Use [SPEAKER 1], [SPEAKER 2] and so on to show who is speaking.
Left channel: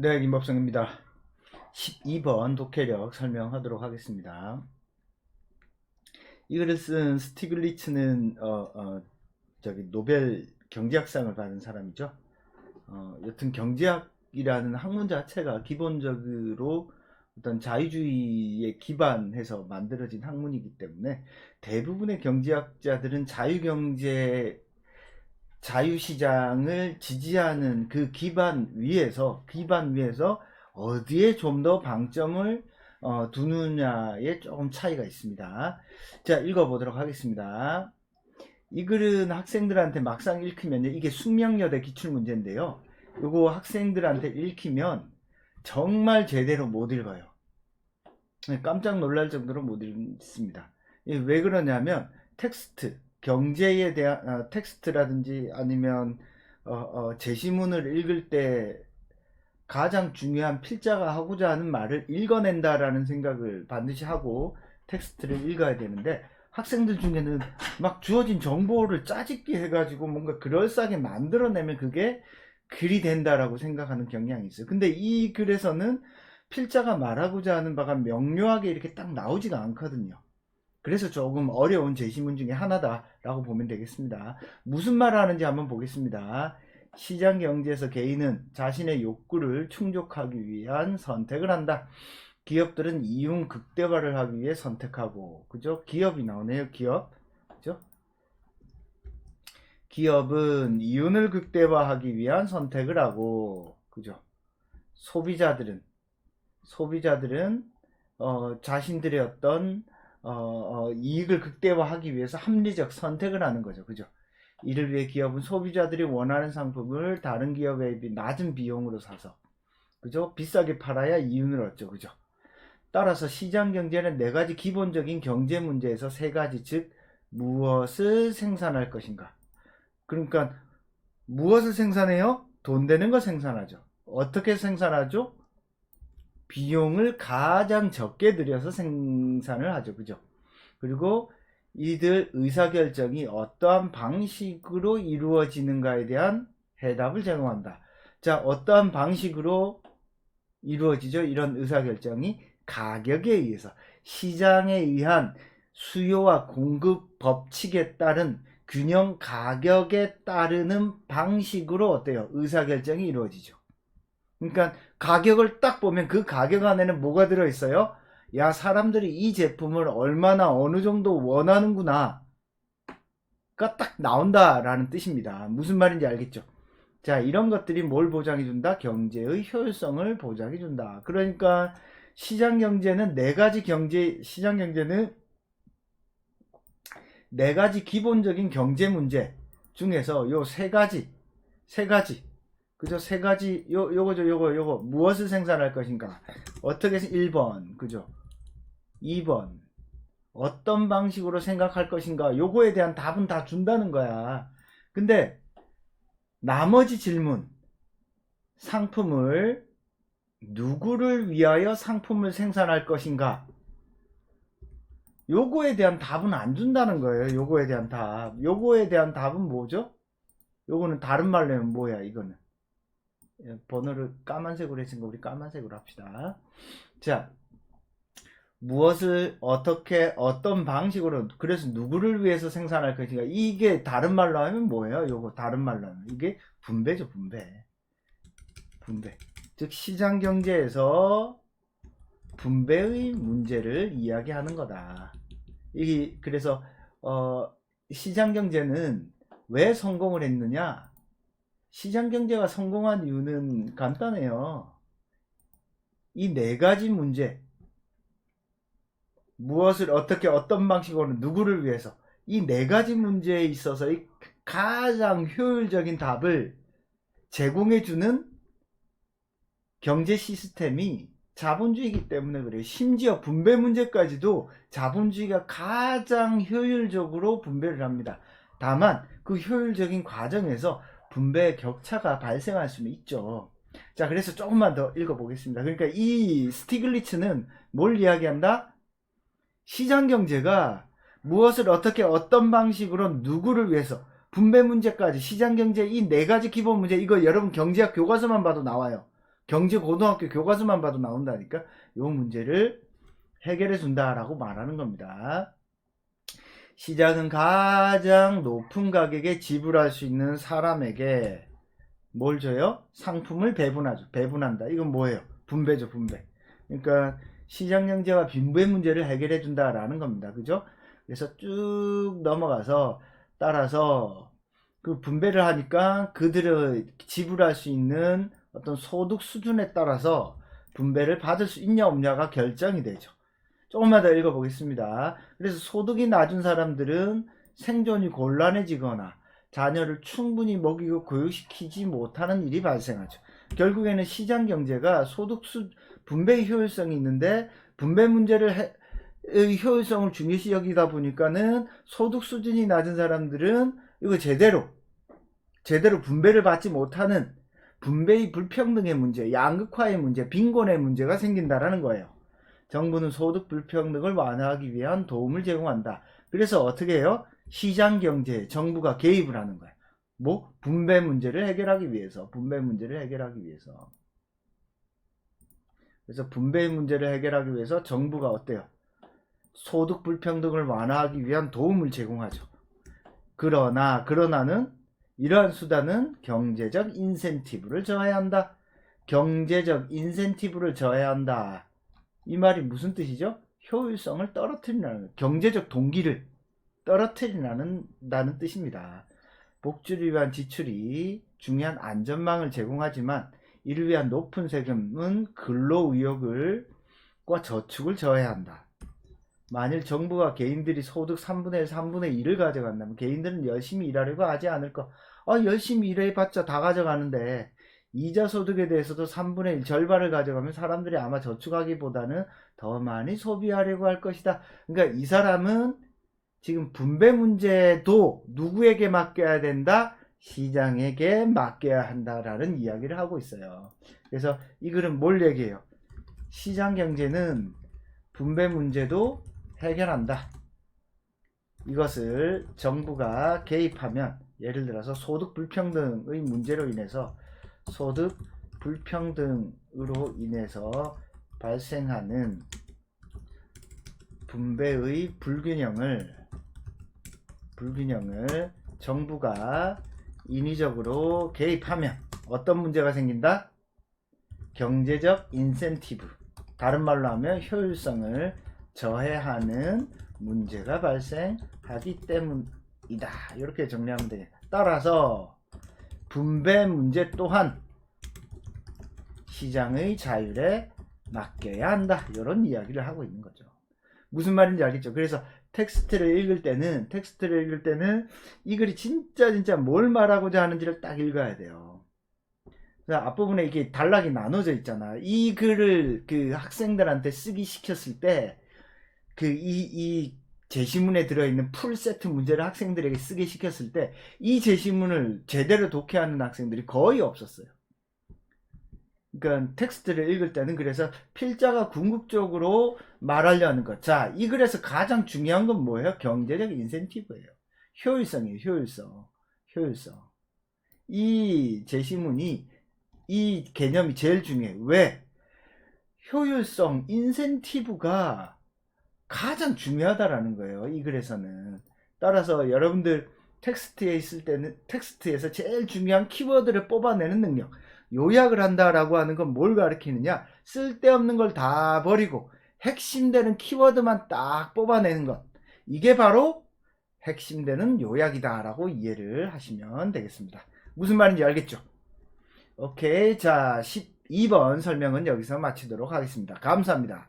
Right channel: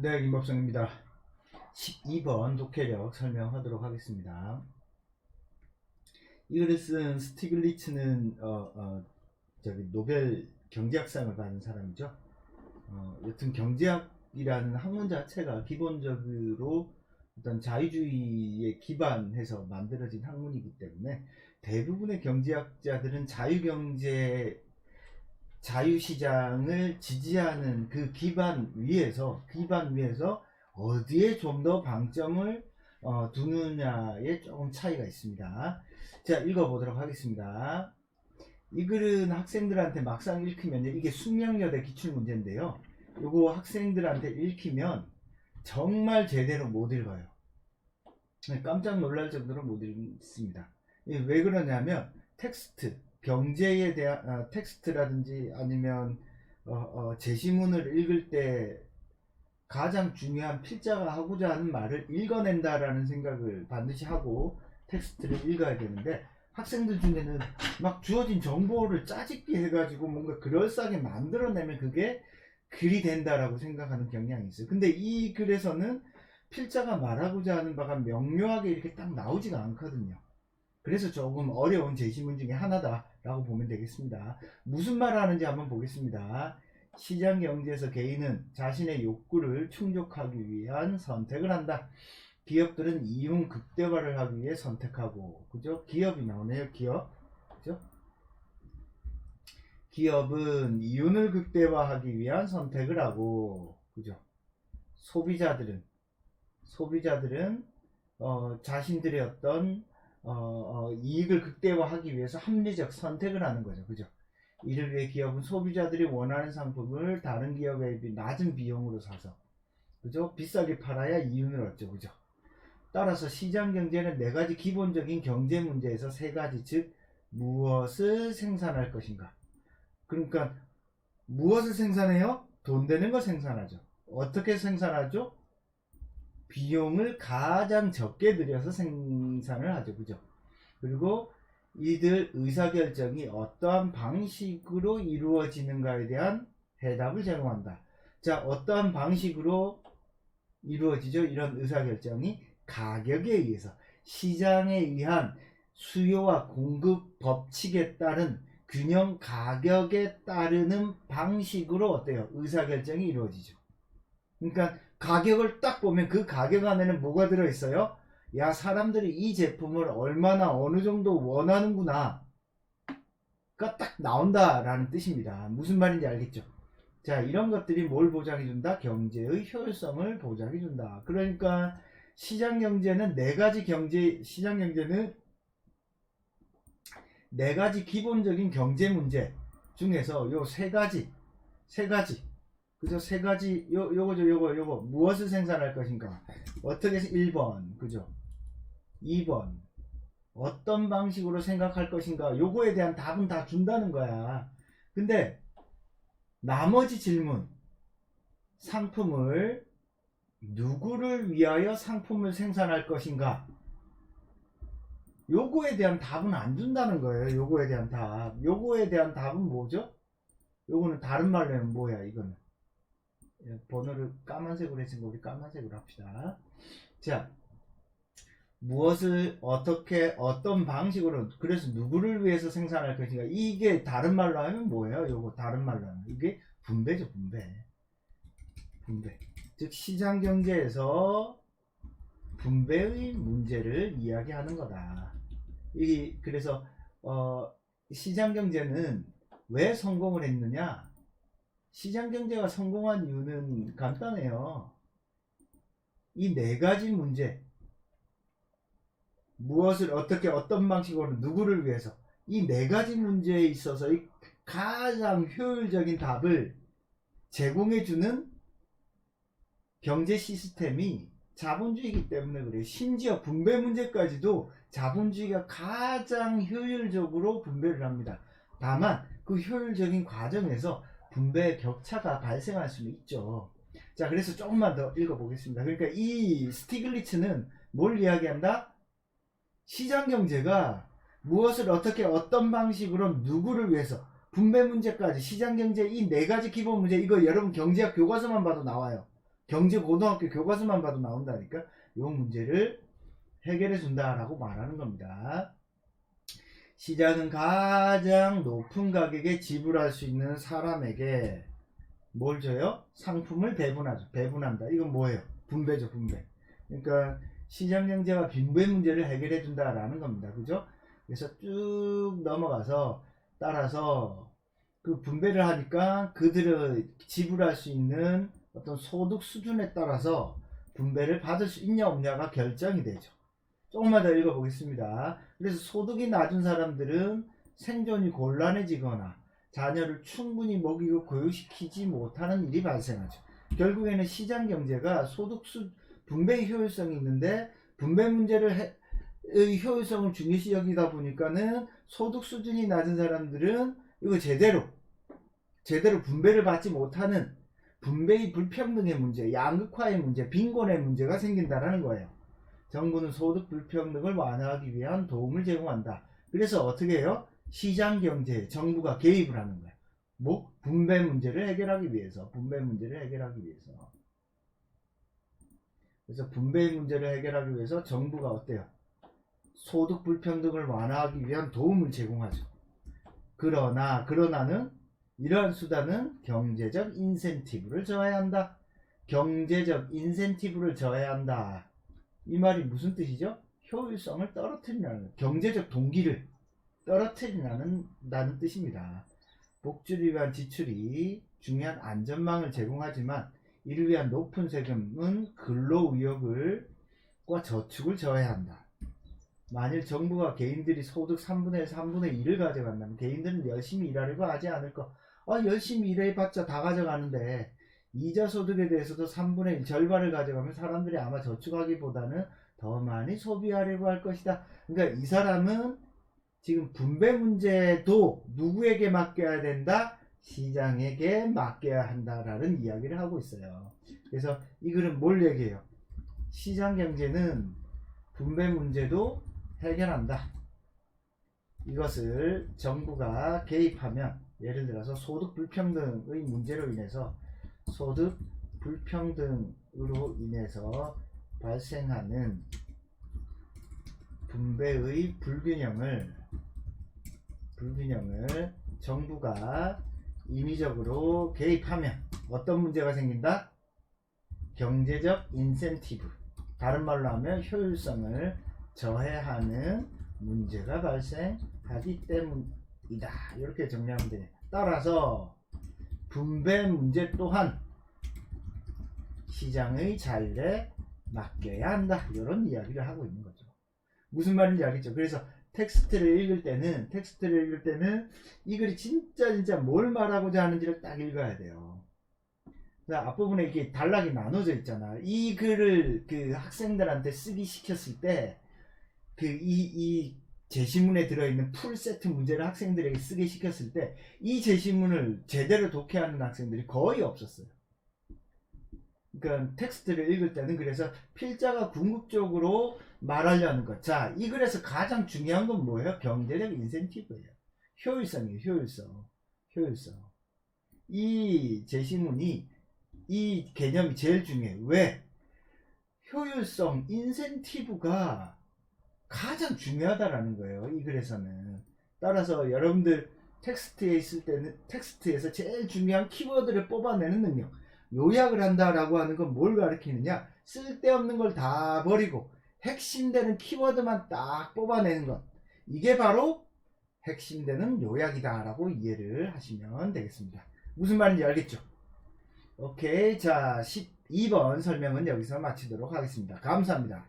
[SPEAKER 1] 네, 김법성입니다. 12번 독해력 설명하도록 하겠습니다. 이 글을 쓴 스티글리츠는 어, 어, 저기 노벨 경제학상을 받은 사람이죠. 어, 여튼 경제학이라는 학문 자체가 기본적으로 어떤 자유주의에 기반해서 만들어진 학문이기 때문에 대부분의 경제학자들은 자유경제 자유시장을 지지하는 그 기반 위에서 기반 위에서 어디에 좀 더 방점을 어, 두느냐에 조금 차이가 있습니다. 자 읽어보도록 하겠습니다. 이 글은 학생들한테 막상 읽히면 이게 숙명여대 기출문제인데요. 요거 학생들한테 읽히면 정말 제대로 못 읽어요. 네, 깜짝 놀랄 정도로 못 읽습니다. 이게 왜 그러냐면 텍스트 경제에 대한 어, 텍스트라든지 아니면 어, 어, 제시문을 읽을 때 가장 중요한 필자가 하고자 하는 말을 읽어낸다라는 생각을 반드시 하고 텍스트를 읽어야 되는데 학생들 중에는 막 주어진 정보를 짜집기 해가지고 뭔가 그럴싸하게 만들어내면 그게 글이 된다라고 생각하는 경향이 있어요. 근데 이 글에서는 필자가 말하고자 하는 바가 명료하게 이렇게 딱 나오지가 않거든요. 그래서 조금 어려운 제시문 중에 하나다라고 보면 되겠습니다. 무슨 말을 하는지 한번 보겠습니다. 시장 경제에서 개인은 자신의 욕구를 충족하기 위한 선택을 한다. 기업들은 이윤 극대화를 하기 위해 선택하고, 그죠? 기업이 나오네요, 기업. 그죠? 기업은 이윤을 극대화하기 위한 선택을 하고, 그죠? 소비자들은, 소비자들은, 어, 자신들의 어떤 어, 어, 이익을 극대화하기 위해서 합리적 선택을 하는 거죠. 그죠? 이를 위해 기업은 소비자들이 원하는 상품을 다른 기업에 비해 낮은 비용으로 사서 그죠? 비싸게 팔아야 이윤을 얻죠. 그죠? 따라서 시장 경제는 네 가지 기본적인 경제 문제에서 세 가지 즉 무엇을 생산할 것인가? 그러니까 무엇을 생산해요? 돈 되는 거 생산하죠. 어떻게 생산하죠? 비용을 가장 적게 들여서 생산을 하죠. 그죠? 그리고 이들 의사결정이 어떠한 방식으로 이루어지는가에 대한 해답을 제공한다. 자, 어떠한 방식으로 이루어지죠? 이런 의사결정이 가격에 의해서 시장에 의한 수요와 공급 법칙에 따른 균형 가격에 따르는 방식으로 어때요? 의사결정이 이루어지죠. 그러니까 가격을 딱 보면 그 가격 안에는 뭐가 들어있어요? 야, 사람들이 이 제품을 얼마나 어느 정도 원하는구나. 가 딱 나온다라는 뜻입니다. 무슨 말인지 알겠죠? 자, 이런 것들이 뭘 보장해준다? 경제의 효율성을 보장해준다. 그러니까 시장 경제는 네 가지 경제, 시장 경제는 네 가지 기본적인 경제 문제 중에서 요 세 가지, 세 가지, 그죠? 세 가지, 요, 요거죠, 요거, 요거. 무엇을 생산할 것인가? 어떻게, 해서 1번, 그죠? 2번. 어떤 방식으로 생각할 것인가? 요거에 대한 답은 다 준다는 거야. 근데, 나머지 질문. 상품을 누구를 위하여 상품을 생산할 것인가? 요거에 대한 답은 안 준다는 거예요. 요거에 대한 답. 요거에 대한 답은 뭐죠? 요거는 다른 말로 하면 뭐야, 이거는. 예, 번호를 까만색으로 했으니까 우리 까만색으로 합시다. 자, 무엇을 어떻게 어떤 방식으로 그래서 누구를 위해서 생산할 것인가 이게 다른 말로 하면 뭐예요? 요거 다른 말로 하면 이게 분배죠 분배 분배 즉 시장 경제에서 분배의 문제를 이야기하는 거다. 이 그래서 어, 시장 경제는 왜 성공을 했느냐? 시장 경제가 성공한 이유는 간단해요. 이 네 가지 문제. 무엇을 어떻게 어떤 방식으로 누구를 위해서 이 네 가지 문제에 있어서 이 가장 효율적인 답을 제공해 주는 경제 시스템이 자본주의이기 때문에 그래요. 심지어 분배 문제까지도 자본주의가 가장 효율적으로 분배를 합니다. 다만 그 효율적인 과정에서 분배 격차가 발생할 수는 있죠. 자, 그래서 조금만 더 읽어보겠습니다. 그러니까 이 스티글리츠는 뭘 이야기한다? 시장 경제가 무엇을 어떻게 어떤 방식으로 누구를 위해서 분배 문제까지 시장 경제 이 네 가지 기본 문제 이거 여러분 경제학 교과서만 봐도 나와요. 경제 고등학교 교과서만 봐도 나온다니까 이 문제를 해결해 준다라고 말하는 겁니다. 시장은 가장 높은 가격에 지불할 수 있는 사람에게 뭘 줘요? 상품을 배분하죠. 배분한다. 이건 뭐예요? 분배죠, 분배. 그러니까 시장 경제와 빈부의 문제를 해결해 준다라는 겁니다. 그죠? 그래서 쭉 넘어가서 따라서 그 분배를 하니까 그들의 지불할 수 있는 어떤 소득 수준에 따라서 분배를 받을 수 있냐 없냐가 결정이 되죠. 조금만 더 읽어보겠습니다. 그래서 소득이 낮은 사람들은 생존이 곤란해지거나 자녀를 충분히 먹이고 교육시키지 못하는 일이 발생하죠. 결국에는 시장 경제가 소득 수 분배 효율성이 있는데 분배 문제를 해, 의 효율성을 중요시 여기다 보니까는 소득 수준이 낮은 사람들은 이거 제대로 제대로 분배를 받지 못하는 분배의 불평등의 문제, 양극화의 문제, 빈곤의 문제가 생긴다라는 거예요. 정부는 소득 불평등을 완화하기 위한 도움을 제공한다. 그래서 어떻게 해요? 시장 경제에 정부가 개입을 하는 거예요. 뭐 분배 문제를 해결하기 위해서, 분배 문제를 해결하기 위해서. 그래서 분배 문제를 해결하기 위해서 정부가 어때요? 소득 불평등을 완화하기 위한 도움을 제공하죠. 그러나 그러나는 이러한 수단은 경제적 인센티브를 정해야 한다. 경제적 인센티브를 정해야 한다. 이 말이 무슨 뜻이죠? 효율성을 떨어뜨리라는 경제적 동기를 떨어뜨리라는 다는 뜻입니다. 복지를 위한 지출이 중요한 안전망을 제공하지만 이를 위한 높은 세금은 근로 의욕을 과 저축을 저해야 한다. 만일 정부가 개인들이 소득 3분의 1, 3분의 1을 가져간다면 개인들은 열심히 일하려고 하지 않을 거. 아, 열심히 일해봤자 다 가져가는데 이자 소득에 대해서도 3분의 1 절반을 가져가면 사람들이 아마 저축하기보다는 더 많이 소비하려고 할 것이다. 그러니까 이 사람은 지금 분배 문제도 누구에게 맡겨야 된다? 시장에게 맡겨야 한다라는 이야기를 하고 있어요. 그래서 이 글은 뭘 얘기해요? 시장 경제는 분배 문제도 해결한다. 이것을 정부가 개입하면 예를 들어서 소득 불평등의 문제로 인해서 소득 불평등으로 인해서 발생하는 분배의 불균형을 불균형을 정부가 인위적으로 개입하면 어떤 문제가 생긴다? 경제적 인센티브 다른 말로 하면 효율성을 저해하는 문제가 발생하기 때문이다. 이렇게 정리하면 돼요. 따라서 분배 문제 또한 시장의 자율에 맡겨야 한다. 이런 이야기를 하고 있는 거죠. 무슨 말인지 알겠죠? 그래서 텍스트를 읽을 때는 텍스트를 읽을 때는 이 글이 진짜 진짜 뭘 말하고자 하는지를 딱 읽어야 돼요. 앞부분에 이렇게 단락이 나눠져 있잖아. 이 글을 그 학생들한테 쓰기 시켰을 때 그 이이 제시문에 들어있는 풀 세트 문제를 학생들에게 쓰게 시켰을 때 이 제시문을 제대로 독해하는 학생들이 거의 없었어요. 그러니까 텍스트를 읽을 때는 그래서 필자가 궁극적으로 말하려는 것. 자, 이 글에서 가장 중요한 건 뭐예요? 경제적 인센티브예요. 효율성이에요, 효율성. 효율성. 이 제시문이 이 개념이 제일 중요해요. 왜? 효율성, 인센티브가 가장 중요하다라는 거예요. 이 글에서는. 따라서 여러분들 텍스트에 있을 때는 텍스트에서 제일 중요한 키워드를 뽑아내는 능력. 요약을 한다라고 하는 건 뭘 가리키느냐? 쓸데없는 걸 다 버리고 핵심되는 키워드만 딱 뽑아내는 것. 이게 바로 핵심되는 요약이다라고 이해를 하시면 되겠습니다. 무슨 말인지 알겠죠? 오케이. 자, 12번 설명은 여기서 마치도록 하겠습니다. 감사합니다.